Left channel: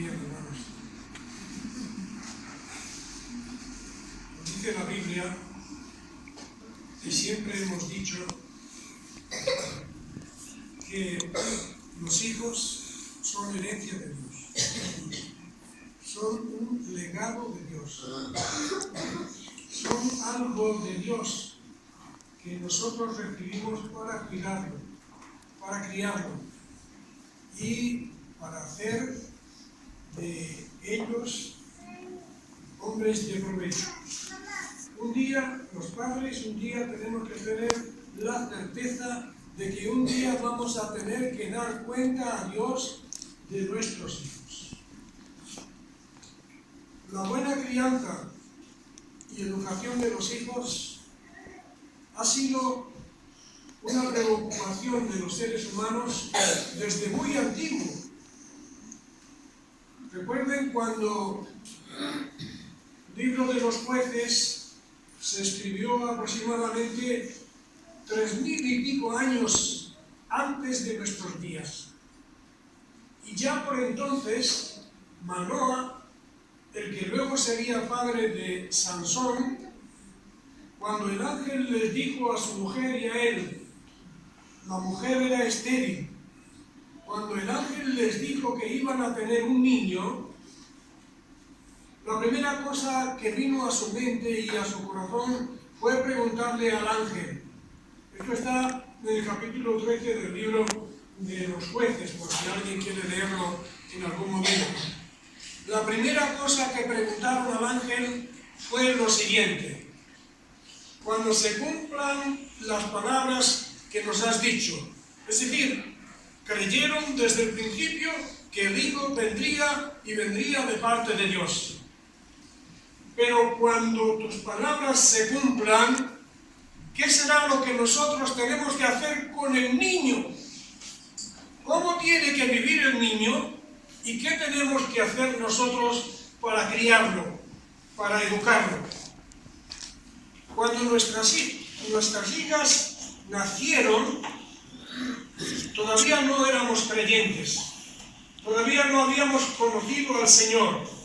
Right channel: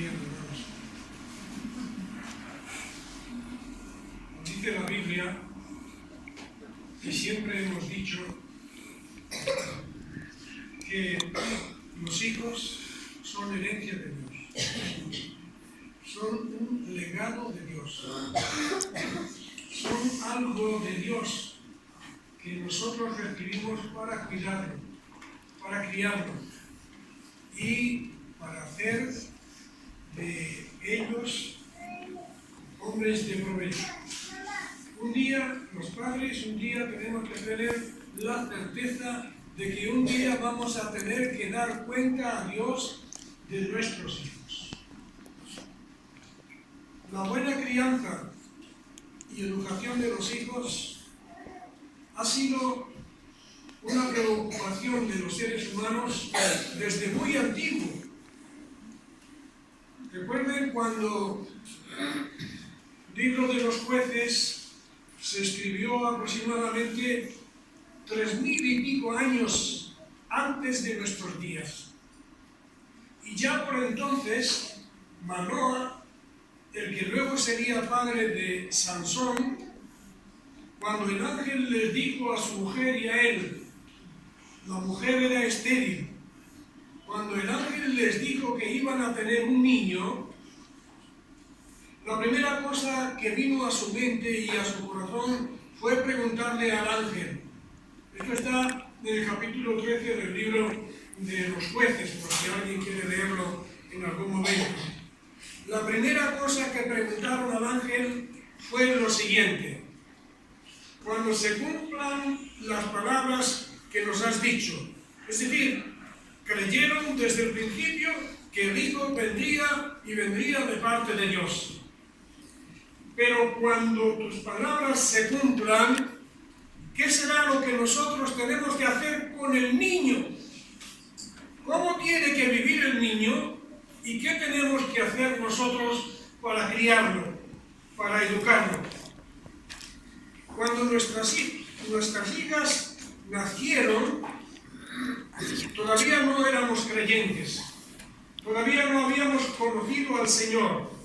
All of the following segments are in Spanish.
bien, hermanos. Dice la Biblia, y siempre hemos dicho, que los hijos son herencia de Dios, son un legado de Dios, son algo de Dios que nosotros recibimos para cuidarlo, para criarlo y para hacer de ellos hombres de provecho. Un día, los padres, un día tenemos que tener la certeza de que un día vamos a tener que dar cuenta a Dios de nuestros hijos. La buena crianza y educación de los hijos ha sido una preocupación de los seres humanos desde muy antiguo. Recuerden cuando el libro de los Jueces se escribió aproximadamente 3000 y pico años antes de nuestros días. Y ya por entonces, Manoah, el que luego sería padre de Sansón, cuando el ángel les dijo a su mujer y a él, la mujer era estéril, cuando el ángel les dijo que iban a tener un niño, la primera cosa que vino a su mente y a su corazón fue preguntarle al ángel. Esto está en el capítulo 13 del libro de los Jueces, por si alguien quiere leerlo en algún momento. La primera cosa que preguntaron al ángel fue lo siguiente: cuando se cumplan las palabras que nos has dicho, es decir, creyeron desde el principio que el hijo vendría y vendría de parte de Dios. Pero cuando tus palabras se cumplan, ¿qué será lo que nosotros tenemos que hacer con el niño? ¿Cómo tiene que vivir el niño? ¿Y qué tenemos que hacer nosotros para criarlo, para educarlo? Cuando nuestras hijas nacieron, todavía no éramos creyentes, todavía no habíamos conocido al Señor.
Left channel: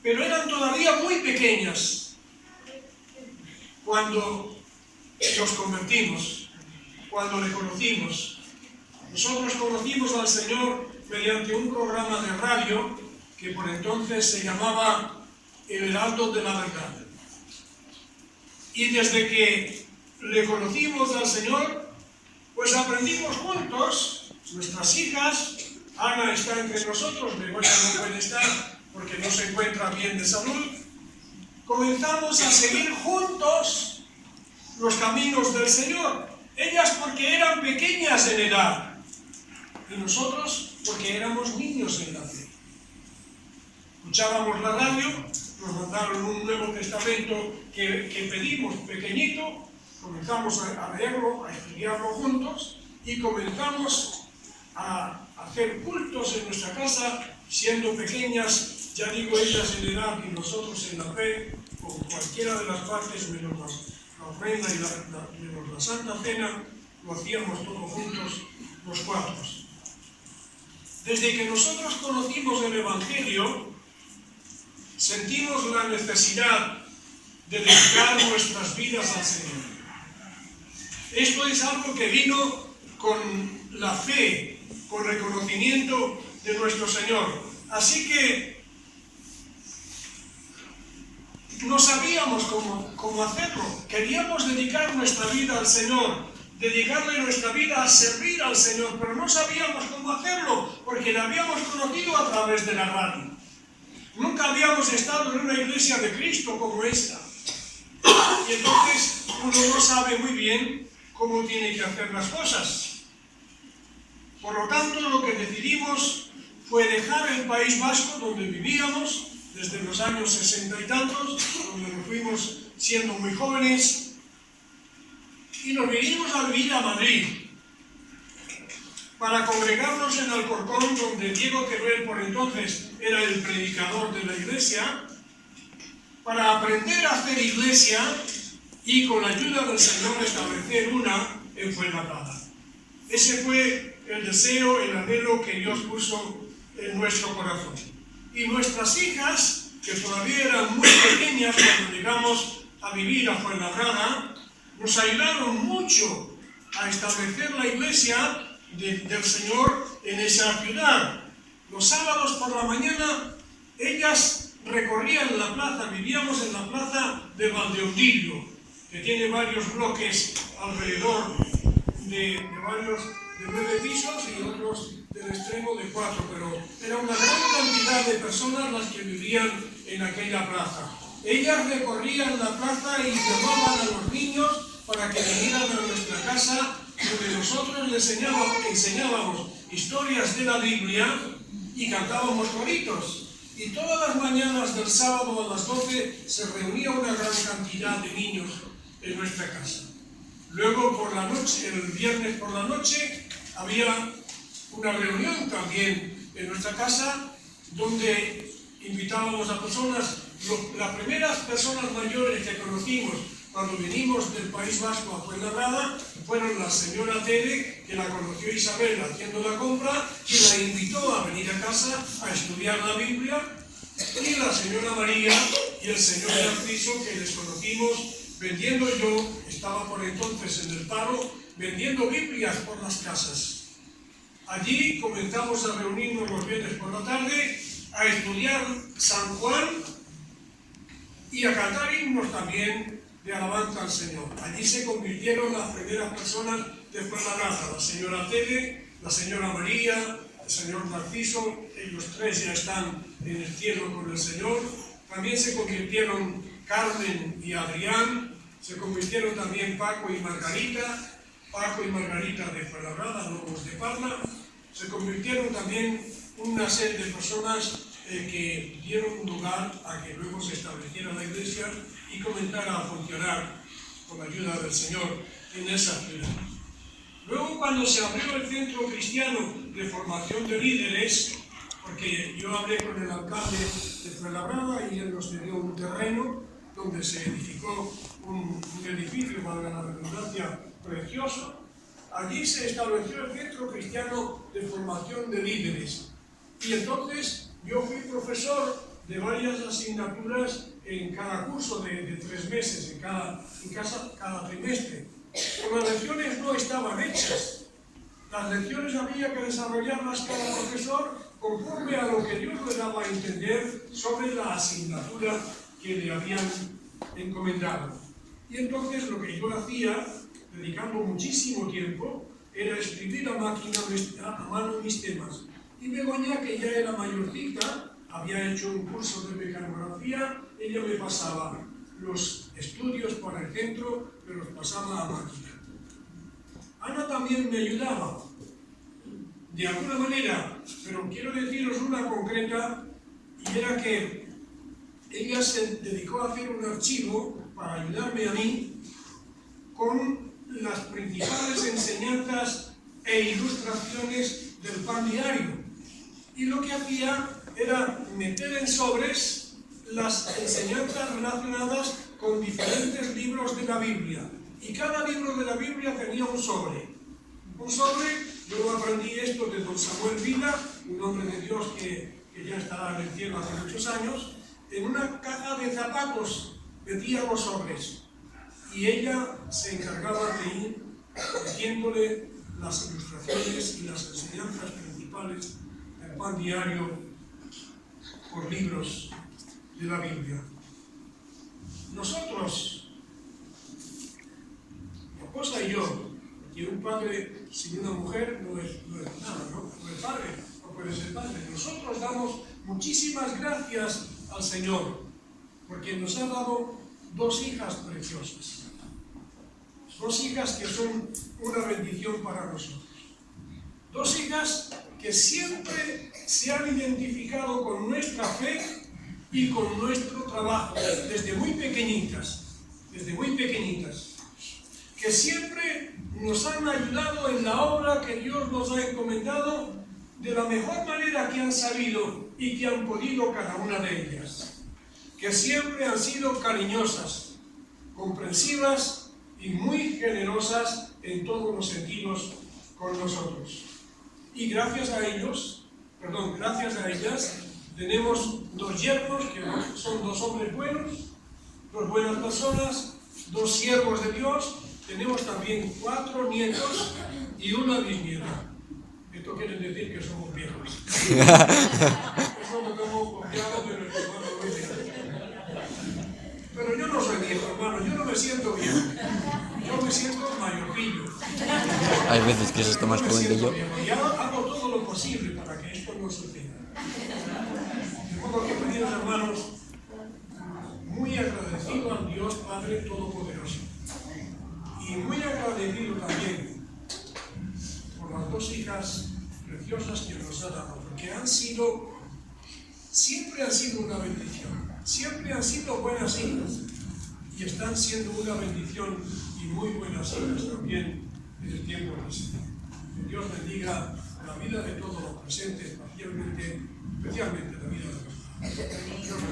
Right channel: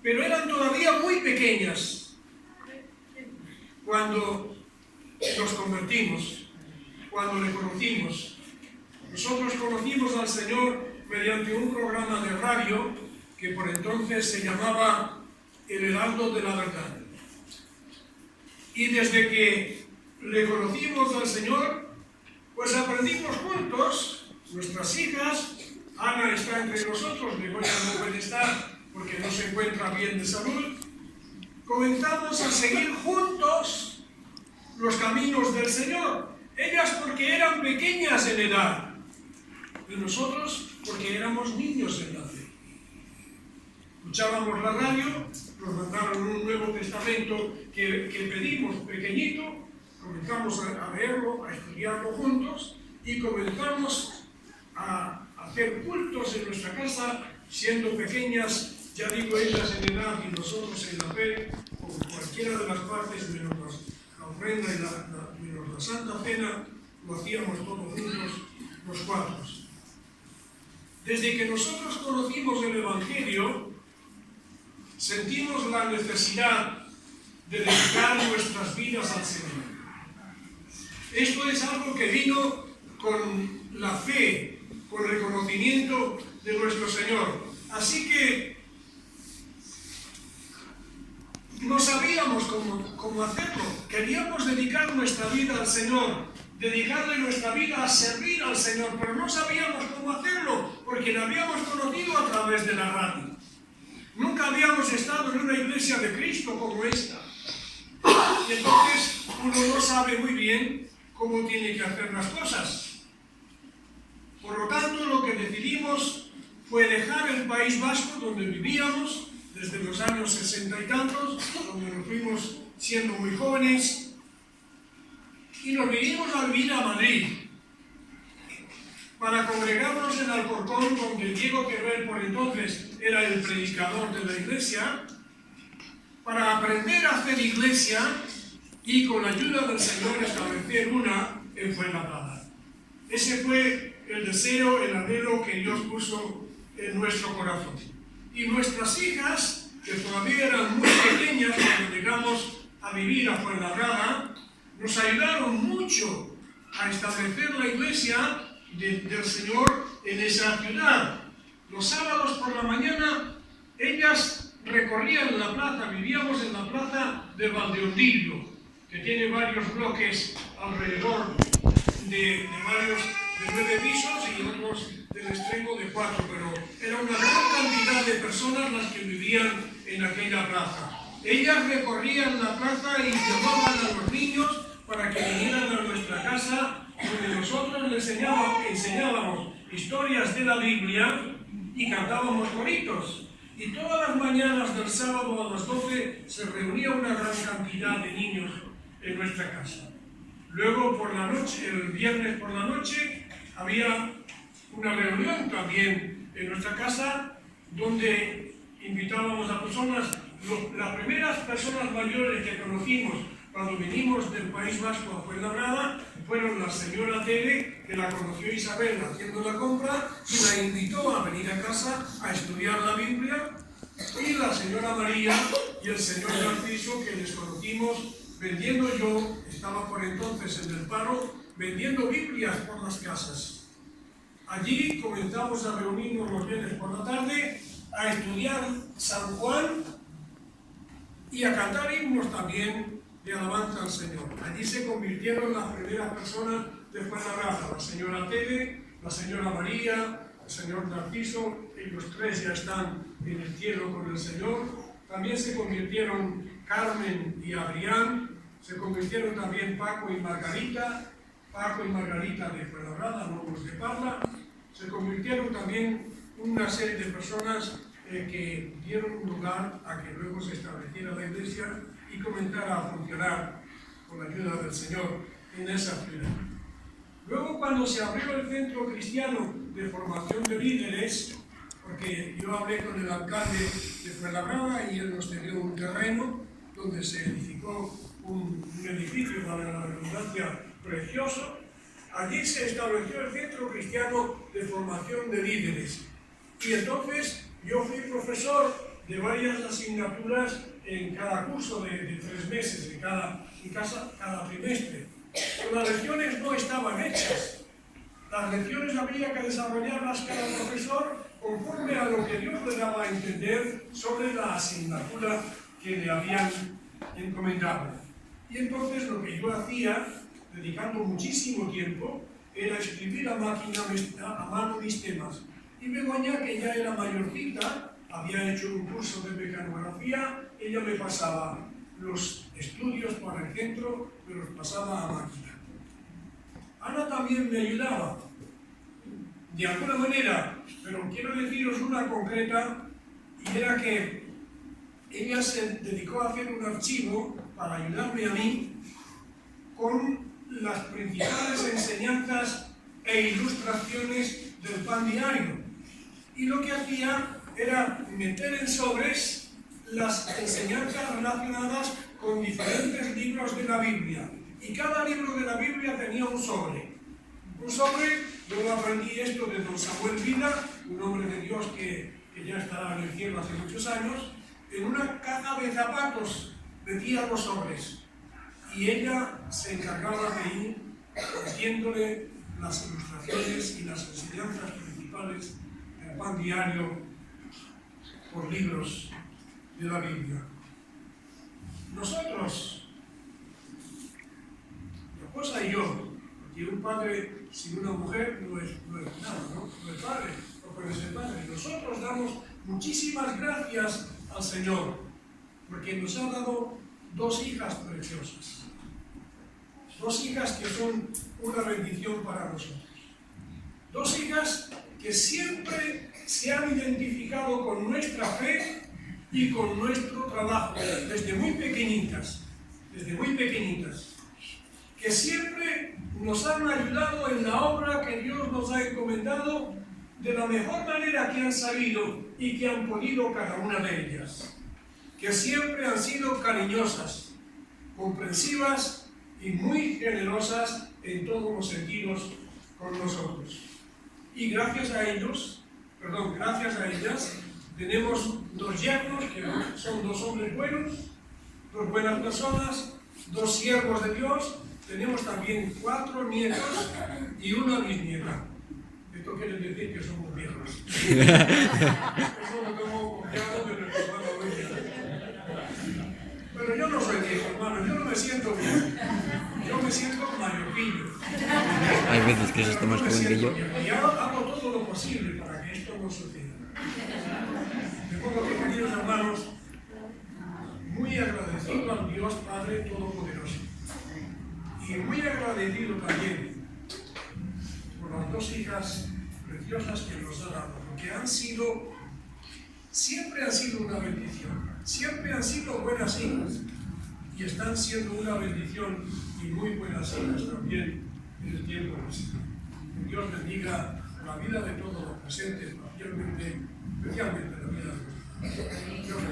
Pero eran todavía muy pequeñas cuando nos convertimos, cuando le conocimos. Nosotros conocimos al Señor mediante un programa de radio que por entonces se llamaba El Heraldo de la Verdad. Y desde que le conocimos al Señor, pues aprendimos juntos, nuestras hijas, Ana está entre nosotros, Begoña no puede estar porque no se encuentra bien de salud, comenzamos a seguir juntos los caminos del Señor. Ellas porque eran pequeñas en edad, y nosotros porque éramos niños en la fe. Escuchábamos la radio, nos mandaron un Nuevo Testamento que pedimos pequeñito, comenzamos a leerlo, a estudiarlo juntos, y comenzamos a hacer cultos en nuestra casa, siendo pequeñas, ya digo, ellas en edad y nosotros en la fe, por cualquiera de las partes, menos la ofrenda y menos la Santa Cena, lo hacíamos todos juntos, los cuatro. Desde que nosotros conocimos el Evangelio, sentimos la necesidad de dedicar nuestras vidas al Señor. Esto es algo que vino con la fe, con reconocimiento de nuestro Señor. Así que no sabíamos cómo hacerlo. Queríamos dedicar nuestra vida al Señor, dedicarle nuestra vida a servir al Señor, pero no sabíamos cómo hacerlo, porque la habíamos conocido a través de la radio. Nunca habíamos estado en una iglesia de Cristo como esta. Y entonces uno no sabe muy bien cómo tiene que hacer las cosas. Por lo tanto, lo que decidimos fue dejar el País Vasco, donde vivíamos desde los años 60 y tantos, donde nos fuimos siendo muy jóvenes, y nos vinimos a vivir a Madrid para congregarnos en Alcorcón, donde Diego Teruel por entonces era el predicador de la iglesia, para aprender a hacer iglesia y con la ayuda del Señor establecer una en Fuenlabrada. Ese fue el deseo, el anhelo que Dios puso en nuestro corazón. Y nuestras hijas, que todavía eran muy pequeñas cuando llegamos a vivir a Fuenlabrada, nos ayudaron mucho a establecer la iglesia del Señor en esa ciudad. Los sábados por la mañana ellas recorrían la plaza, vivíamos en la plaza de Valdeondillo, que tiene varios bloques alrededor de 9 pisos y otros del extremo de 4, pero era una gran cantidad de personas las que vivían en aquella plaza. Ellas recorrían la plaza y llamaban a los niños para que vinieran a nuestra casa, donde nosotros les enseñábamos historias de la Biblia y cantábamos coritos. Y todas las mañanas del sábado a las 12 se reunía una gran cantidad de niños en nuestra casa. Luego por la noche, el viernes por la noche, había una reunión también en nuestra casa donde invitábamos a personas, las primeras personas mayores que conocimos cuando venimos del País Vasco a Fuenlabrada fueron la señora Tere, que la conoció Isabel haciendo la compra y la invitó a venir a casa a estudiar la Biblia, y la señora María y el señor Narciso, que les conocimos vendiendo, yo estaba por entonces en el paro, vendiendo Biblias por las casas. Allí comenzamos a reunirnos los viernes por la tarde, a estudiar San Juan y a cantar himnos también de alabanza al Señor. Allí se convirtieron las primeras personas de Fuenlabrada, la señora Tere, la señora María, el señor Narciso, ellos tres ya están en el cielo con el Señor. También se convirtieron Carmen y Adrián, se convirtieron también Paco y Margarita de Fuenlabrada, Lobos de Parla, se convirtieron también una serie de personas que dieron lugar a que luego se estableciera la iglesia y comenzara a funcionar con la ayuda del Señor en esa ciudad. Luego, cuando se abrió el centro cristiano de formación de líderes, porque yo hablé con el alcalde de Fuenlabrada y él nos dio un terreno donde se edificó un edificio, para la redundancia, precioso. Allí se estableció el centro cristiano de formación de líderes. Y entonces yo fui profesor de varias asignaturas en cada curso de 3 meses, en cada trimestre. Pero las lecciones no estaban hechas. Las lecciones había que desarrollarlas cada profesor conforme a lo que Dios le daba a entender sobre la asignatura que le habían encomendado. Y entonces lo que yo hacía, dedicando muchísimo tiempo, era escribir a mano mis temas. Y Begoña, que ya era mayorcita, había hecho un curso de mecanografía, ella me pasaba los estudios para el centro, me los pasaba a máquina. Ana también me ayudaba, de alguna manera, pero quiero deciros una concreta, y era que ella se dedicó a hacer un archivo para ayudarme a mí con las principales enseñanzas e ilustraciones del pan diario. Y lo que hacía era meter en sobres las enseñanzas relacionadas con diferentes libros de la Biblia. Y cada libro de la Biblia tenía un sobre. Un sobre, yo aprendí esto de don Samuel Vila, un hombre de Dios que ya estará en el cielo hace muchos años. En una caja de zapatos metía los sobres. Y ella se encargaba de ir metiéndole las ilustraciones y las enseñanzas principales del pan diario por libros de la Biblia. Nosotros, mi esposa y yo, porque un padre sin una mujer no es nada, no es padre, no puede ser padre. Nosotros damos muchísimas gracias al Señor, porque nos ha dado 2 hijas preciosas. 2 hijas que son una bendición para nosotros. 2 hijas que siempre se han identificado con nuestra fe y con nuestro trabajo, desde muy pequeñitas, que siempre nos han ayudado en la obra que Dios nos ha encomendado de la mejor manera que han sabido y que han podido cada una de ellas, que siempre han sido cariñosas, comprensivas y muy generosas en todos los sentidos con nosotros. Y gracias a ellos, gracias a ellas, tenemos 2 yernos, que son 2 hombres buenos, 2 buenas personas, 2 siervos de Dios, tenemos también 4 nietos y 1 bisnieta. Esto quiere decir que somos viejos. Eso lo tengo confiado de nuestro hermano Luis. Pero yo no soy viejo, hermano, yo no me siento viejo. Yo me siento mayorcillo. Hay veces que se está más joven que yo. Y hago todo lo posible para que esto no suceda. De modo que, queridos hermanos, muy agradecido al Dios Padre Todopoderoso. Y muy agradecido también por las 2 hijas preciosas que nos ha dado, porque siempre han sido una bendición, siempre han sido buenas hijas, y están siendo una bendición y muy buenas hijas también en el tiempo presente. Que Dios bendiga la vida de todos los presentes, especialmente la vida de los